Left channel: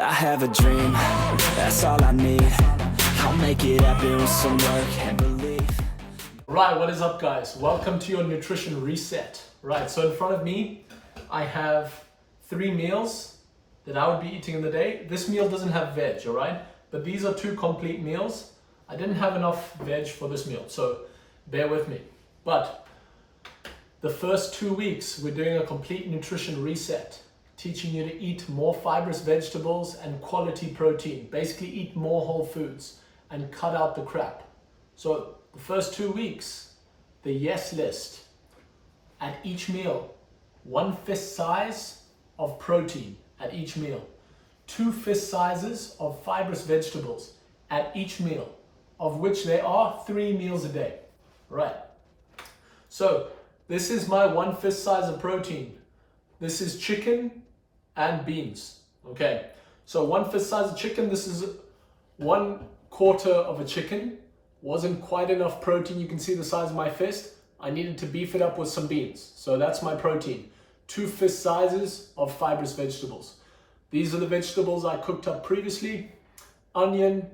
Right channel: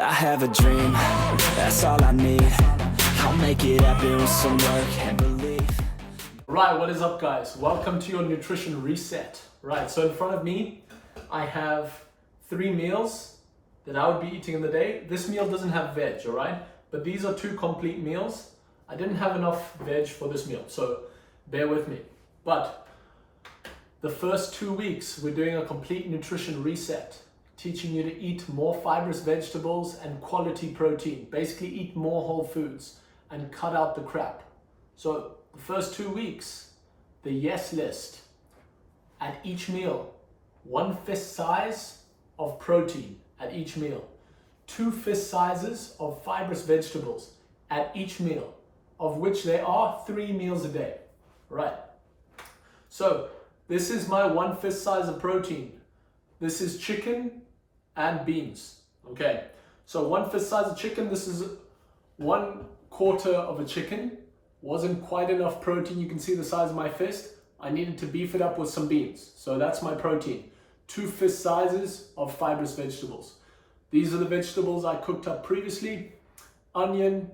I have a dream, that's all I need. I'll make it happen with some work and belief. Right, what is up guys? Welcome to your nutrition reset. Right, so in front of me, I have 3 meals that I would be eating in the day. This meal doesn't have veg, all right? But these are 2 complete meals. I didn't have enough veg for this meal, so bear with me. But the first 2 weeks, we're doing a complete nutrition reset, teaching you to eat more fibrous vegetables and quality protein. Basically eat more whole foods and cut out the crap. So the first 2 weeks, the yes list, at each meal, 1 fist size of protein at each meal, 2 fist sizes of fibrous vegetables at each meal, of which there are 3 meals a day, right? So this is my 1 fist size of protein. This is chicken and beans, okay? So 1 fist size of chicken, this is 1/4 of a chicken. Wasn't quite enough protein, you can see the size of my fist. I needed to beef it up with some beans. So that's my protein. 2 fist sizes of fibrous vegetables. These are the vegetables I cooked up previously. Onion,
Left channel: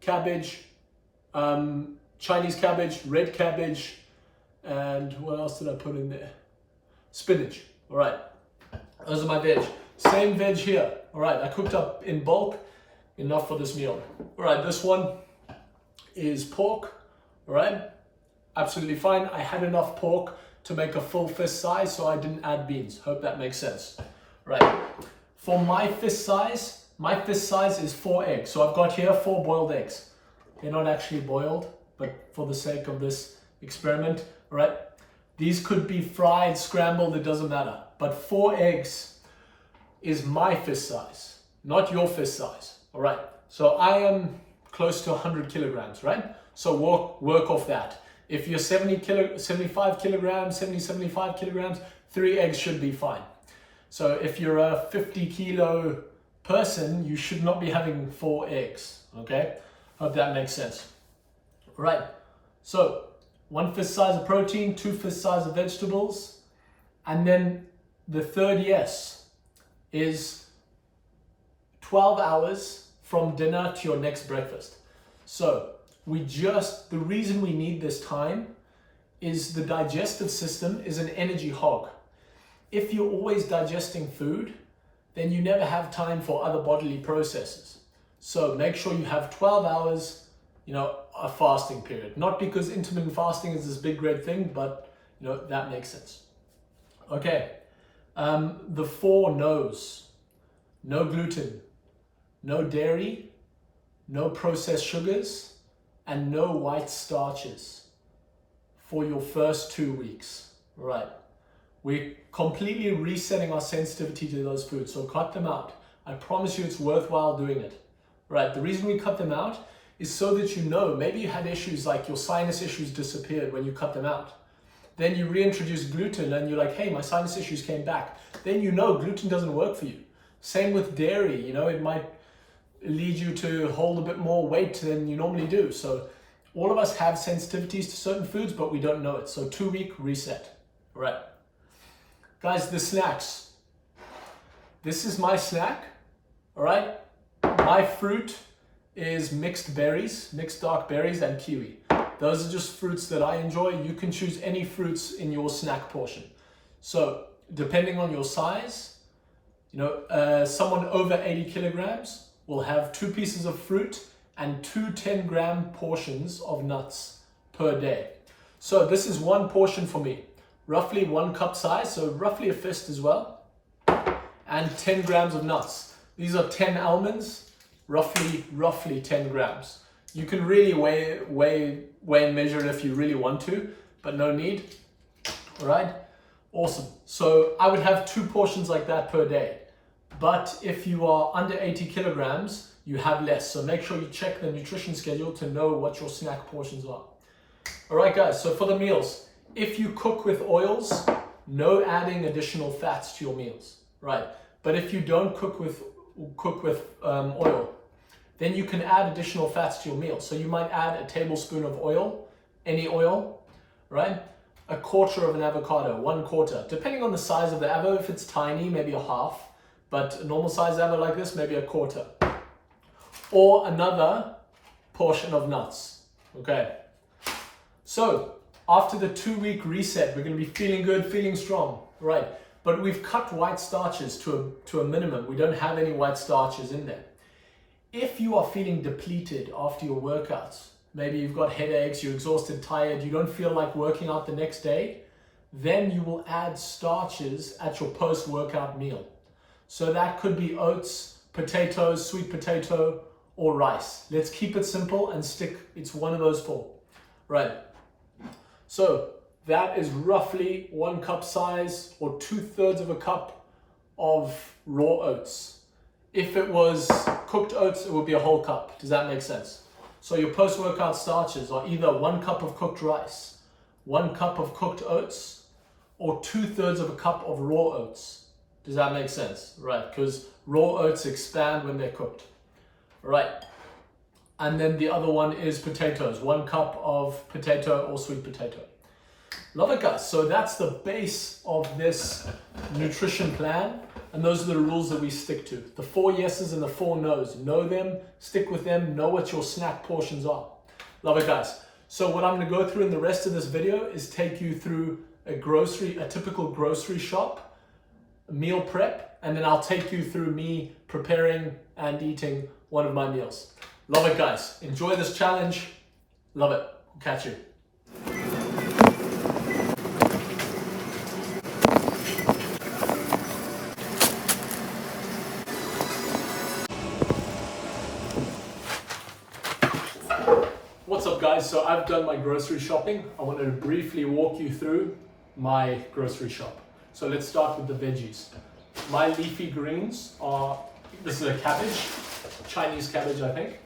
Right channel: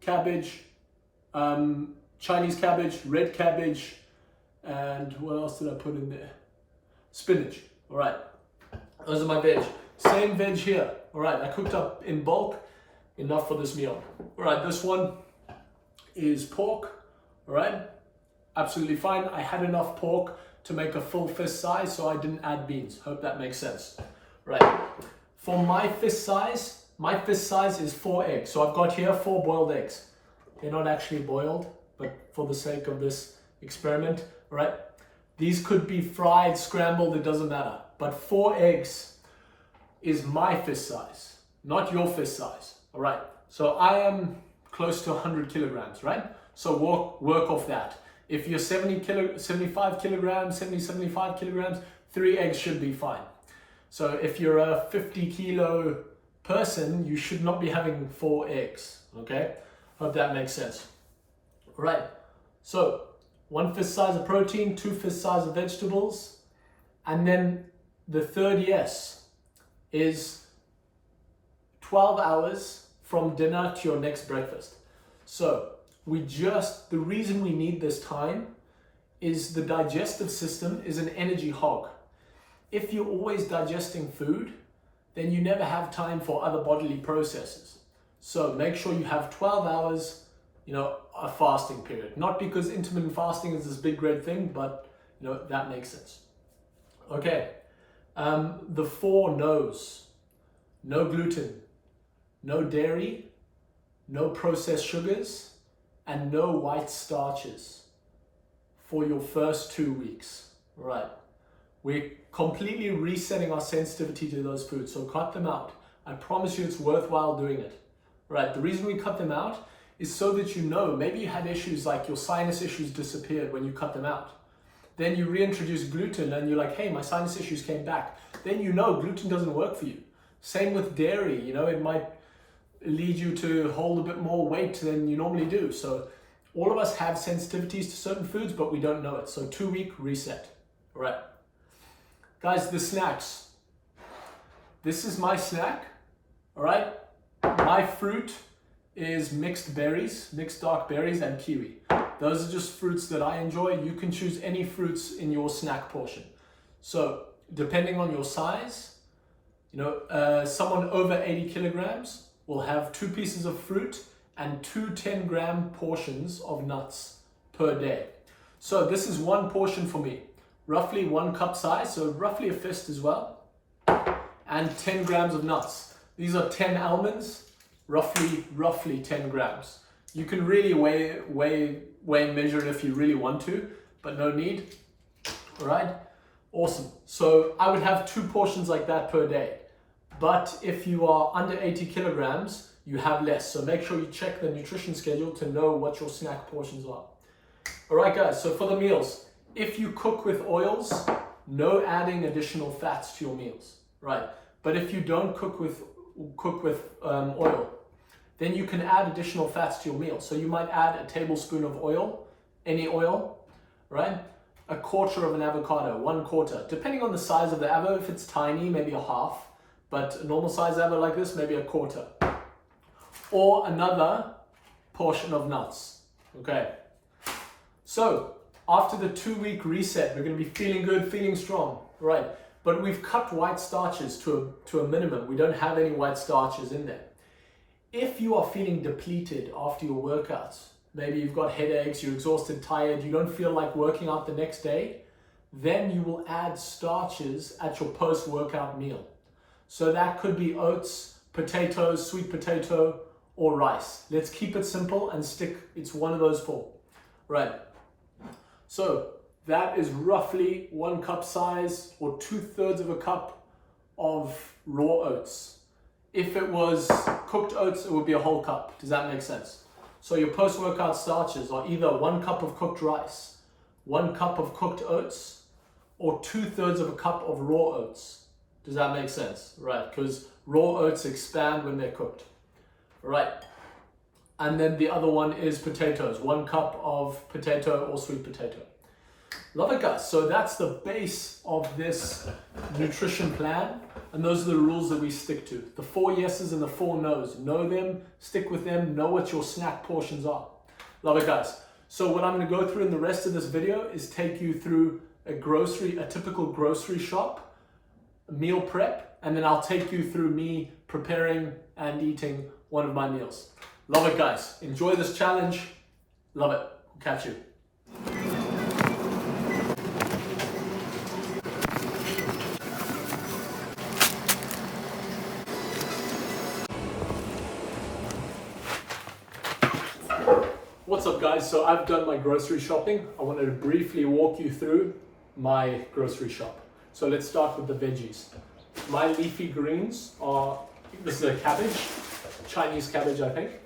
cabbage, Chinese cabbage, red cabbage, and what else did I put in there? Spinach, all right. Those are my veg. Same veg here, all right. I cooked up in bulk, enough for this meal. All right, this one is pork, all right. Absolutely fine. I had enough pork to make a full fist size, so I didn't add beans. Hope that makes sense. Right. For my fist size is 4 eggs. So I've got here 4 boiled eggs. They're not actually boiled, but for the sake of this experiment, all right. These could be fried, scrambled, it doesn't matter. But 4 eggs is my fist size, not your fist size, all right. So I am close to 100 kilograms, right? So work off that. If you're 75 kilograms, 75 kilograms, 3 eggs should be fine. So if you're a 50 kilo person, you should not be having 4 eggs, okay? Hope that makes sense. All right, so 1 fist size of protein, 2 fist size of vegetables, and then the third yes is 12 hours from dinner to your next breakfast. So the reason we need this time is the digestive system is an energy hog. If you're always digesting food, then you never have time for other bodily processes. So make sure you have 12 hours, a fasting period. Not because intermittent fasting is this big great thing, but that makes sense. Okay, the 4 no's: no gluten, no dairy, no processed sugars, and no white starches for your first 2 weeks. Right. We're completely resetting our sensitivity to those foods, so cut them out. I promise you it's worthwhile doing it. Right. The reason we cut them out is so that maybe you had issues like your sinus issues disappeared when you cut them out. Then you reintroduce gluten and you're like, hey, my sinus issues came back. Then gluten doesn't work for you. Same with dairy, it might lead you to hold a bit more weight than you normally do. So all of us have sensitivities to certain foods, but we don't know it. So 2-week reset. All right. Guys, the snacks. This is my snack. All right. My fruit is mixed berries, mixed dark berries and kiwi. Those are just fruits that I enjoy. You can choose any fruits in your snack portion. So depending on your size, someone over 80 kilograms will have 2 pieces of fruit and 2 10-gram portions of nuts per day. So this is 1 portion for me, roughly 1 cup size, so roughly a fist as well, and 10 grams of nuts. These are 10 almonds, roughly 10 grams. You can really weigh and measure it if you really want to, but no need. All right, awesome. So I would have 2 portions like that per day. But if you are under 80 kilograms, you have less. So make sure you check the nutrition schedule to know what your snack portions are. All right, guys, so for the meals, if you cook with oils, no adding additional fats to your meals, right? But if you don't cook with oil, then you can add additional fats to your meal. So you might add a tablespoon of oil, any oil, right? 1/4 of an avocado, 1/4, depending on the size of the avocado. If it's tiny, maybe a half. But a normal size ever like this, maybe a quarter. Or another portion of nuts. Okay. So after the 2-week reset, we're going to be feeling good, feeling strong, right? But we've cut white starches to a minimum. We don't have any white starches in there. If you are feeling depleted after your workouts, maybe you've got headaches, you're exhausted, tired, you don't feel like working out the next day, then you will add starches at your post-workout meal. So that could be oats, potatoes, sweet potato, or rice. Let's keep it simple and stick, it's one of those 4, right? So that is roughly 1 cup size or 2/3 of a cup of raw oats. If it was cooked oats, it would be a whole cup. Does that make sense? So your post-workout starches are either 1 cup of cooked rice, 1 cup of cooked oats, or 2/3 of a cup of raw oats. Does that make sense? Right, because raw oats expand when they're cooked. Right. And then the other one is potatoes, 1 cup of potato or sweet potato. Love it, guys. So that's the base of this nutrition plan. And those are the rules that we stick to. The 4 yeses and the 4 nos. Know them, stick with them, know what your snack portions are. Love it, guys. So what I'm going to go through in the rest of this video is take you through a typical grocery shop, meal prep, and then I'll take you through me preparing and eating one of my meals. Love it, guys. Enjoy this challenge. Love it. We'll catch you. What's up, guys? So I've done my grocery shopping. I wanted to briefly walk you through my grocery shop. So let's start with the veggies. My leafy greens are, this is a cabbage, Chinese cabbage, I think,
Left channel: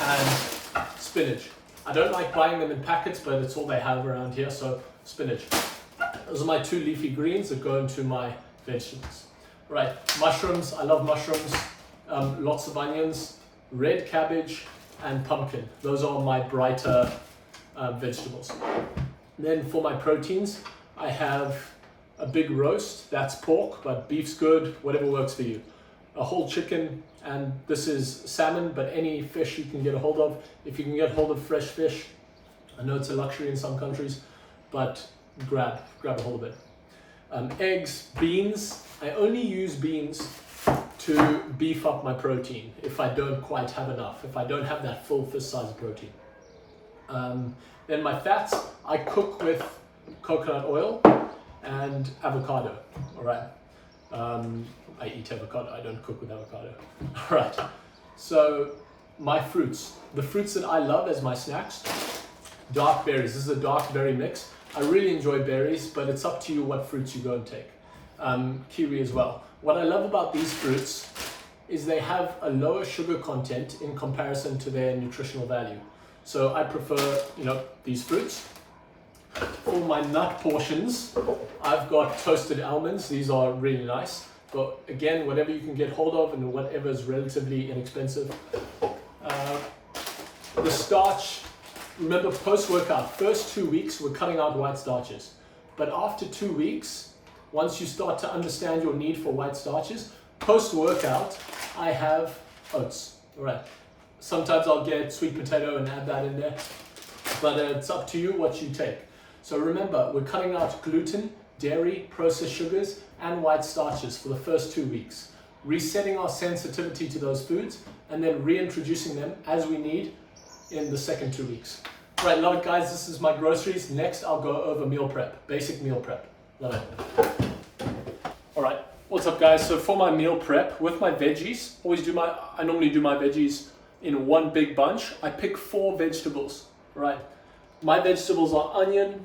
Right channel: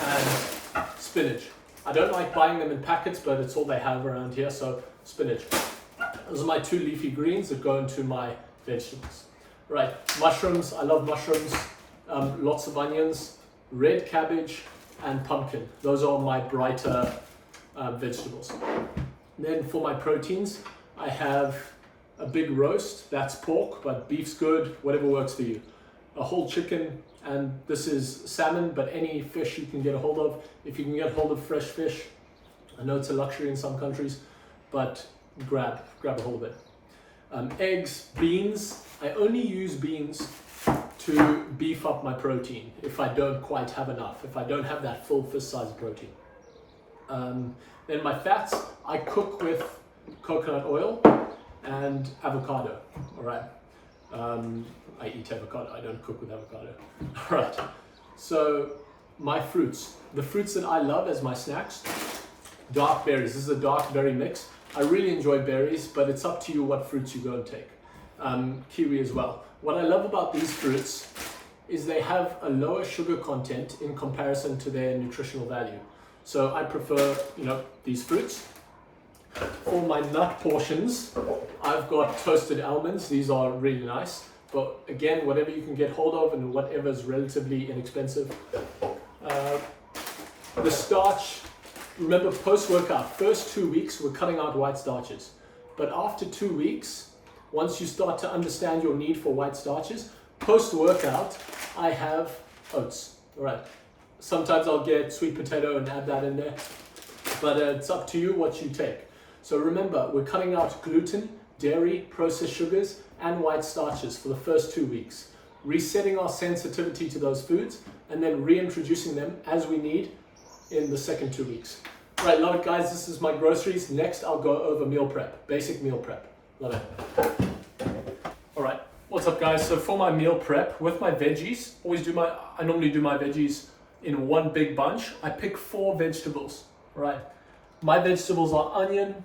and spinach. I don't like buying them in packets, but it's all they have around here, so spinach. Those are my 2 leafy greens that go into my vegetables. Right, mushrooms, I love mushrooms, lots of onions, red cabbage, and pumpkin. Those are my brighter vegetables. Then for my proteins, I have a big roast, that's pork, but beef's good, whatever works for you. A whole chicken, and this is salmon, but any fish you can get a hold of. If you can get a hold of fresh fish, I know it's a luxury in some countries, but grab a hold of it. Eggs, beans, I only use beans to beef up my protein if I don't quite have enough, if I don't have that full fist size protein. Then my fats, I cook with coconut oil and avocado, all right? I eat avocado, I don't cook with avocado. All right, so my fruits, the fruits that I love as my snacks, dark berries. This is a dark berry mix. I really enjoy berries, but it's up to you what fruits you go and take. Kiwi as well. What I love about these fruits is they have a lower sugar content in comparison to their nutritional value. So I prefer, these fruits. For my nut portions, I've got toasted almonds. These are really nice. But again, whatever you can get hold of and whatever is relatively inexpensive. The starch, remember post-workout, first 2 weeks, we're cutting out white starches. But after 2 weeks, once you start to understand your need for white starches, post-workout, I have oats, all right? Sometimes I'll get sweet potato and add that in there, but it's up to you what you take. So remember, we're cutting out gluten, dairy, processed sugars, and white starches for the first 2 weeks, resetting our sensitivity to those foods, and then reintroducing them as we need in the second 2 weeks. All right, love it, guys. This is my groceries. Next, I'll go over meal prep, basic meal prep. Love it. All right, what's up, guys? So for my meal prep with my veggies, I normally do my veggies in one big bunch. I pick 4 vegetables, right? My vegetables are onion,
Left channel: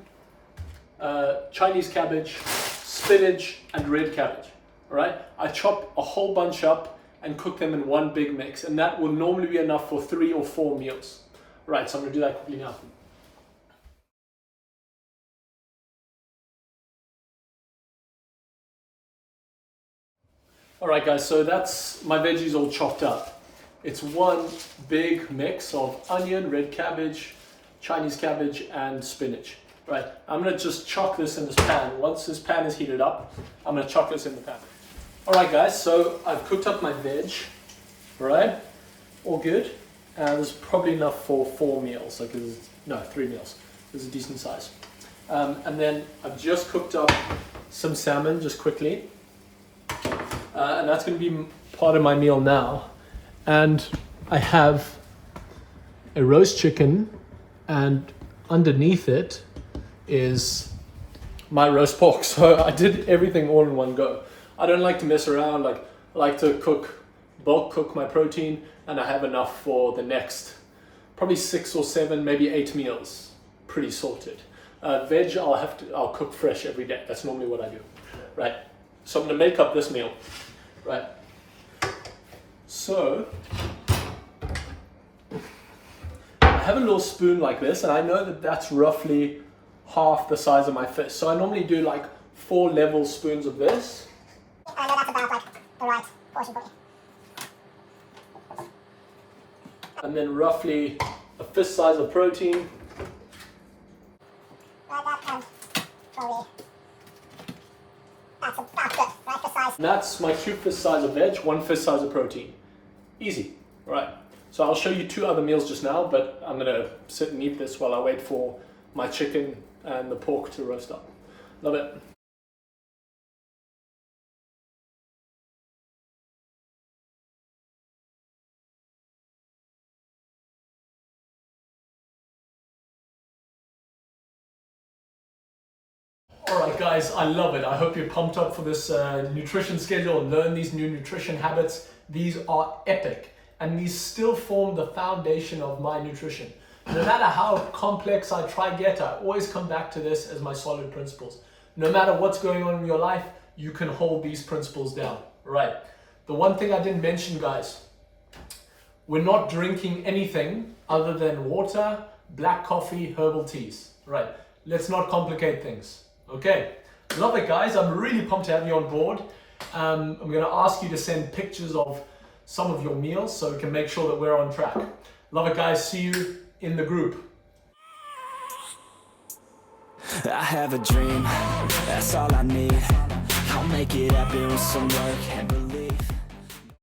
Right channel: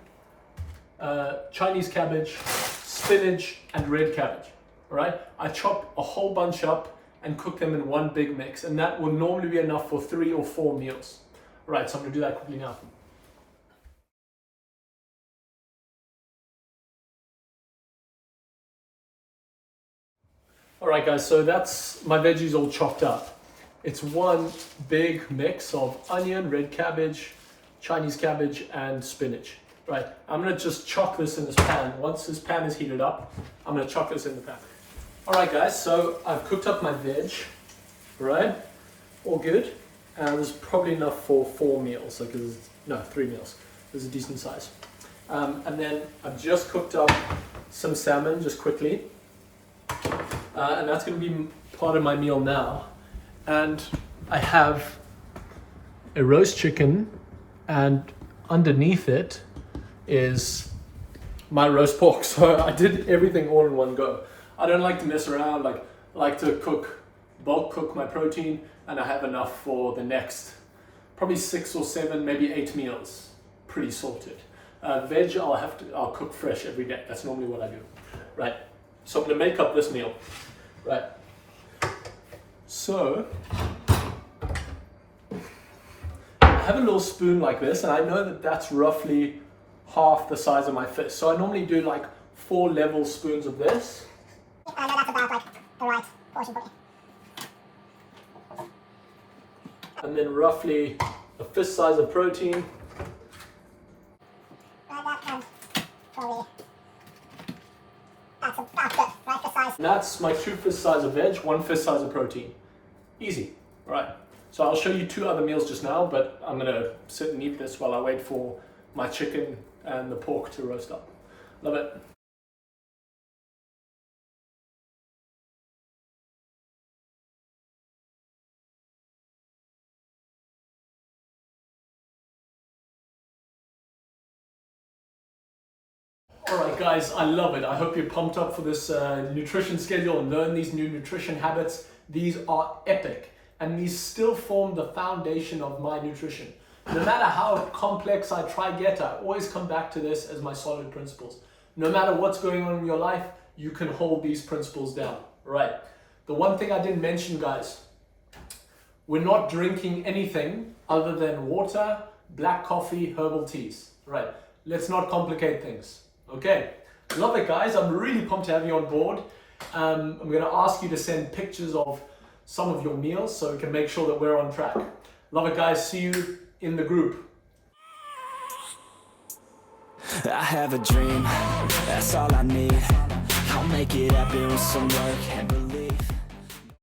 Chinese cabbage, spinach, and red cabbage, all right? I chop a whole bunch up and cook them in one big mix, and that will normally be enough for 3 or 4 meals. All right, so I'm gonna do that quickly now. All right, guys, so that's my veggies all chopped up. It's one big mix of onion, red cabbage, Chinese cabbage, and spinach. Right, I'm gonna just chuck this in this pan. Once this pan is heated up, I'm gonna chuck this in the pan. Alright guys, so I've cooked up my veg, alright, all good. There's probably enough for 4 meals, like no, 3 meals. This is a decent size. And then I've just cooked up some salmon, just quickly. And that's going to be part of my meal now. And I have a roast chicken, and underneath it is my roast pork. So I did everything all in one go. I don't like to mess around. I like to bulk cook my protein, and I have enough for the next probably 6 or 7, maybe 8 meals. Pretty sorted. Veg, I'll cook fresh every day. That's normally what I do. Right. So I'm gonna make up this meal. Right. So I have a little spoon like this, and I know that that's roughly half the size of my fist. So I normally do like 4 level spoons of this. I know that's about like the right portion for me. And then roughly a fist size of protein. Right, that and probably that's about good, right? The size. And that's my 2 fist size of veg, 1 fist size of protein. Easy, right? So I'll show you 2 other meals just now, but I'm gonna sit and eat this while I wait for my chicken and the pork to roast up. Love it. Alright guys, I love it. I hope you're pumped up for this nutrition schedule and learn these new nutrition habits. These are epic, and these still form the foundation of my nutrition. No matter how complex I try to get, I always come back to this as my solid principles. No matter what's going on in your life, you can hold these principles down. Right. The one thing I didn't mention, guys, we're not drinking anything other than water, black coffee, herbal teas. Right. Let's not complicate things. Okay, love it guys. I'm really pumped to have you on board. I'm going to ask you to send pictures of some of your meals so we can make sure that we're on track. Love it guys. See you in the group. I have a dream, that's all I need. I'll make it happen with some work and believe.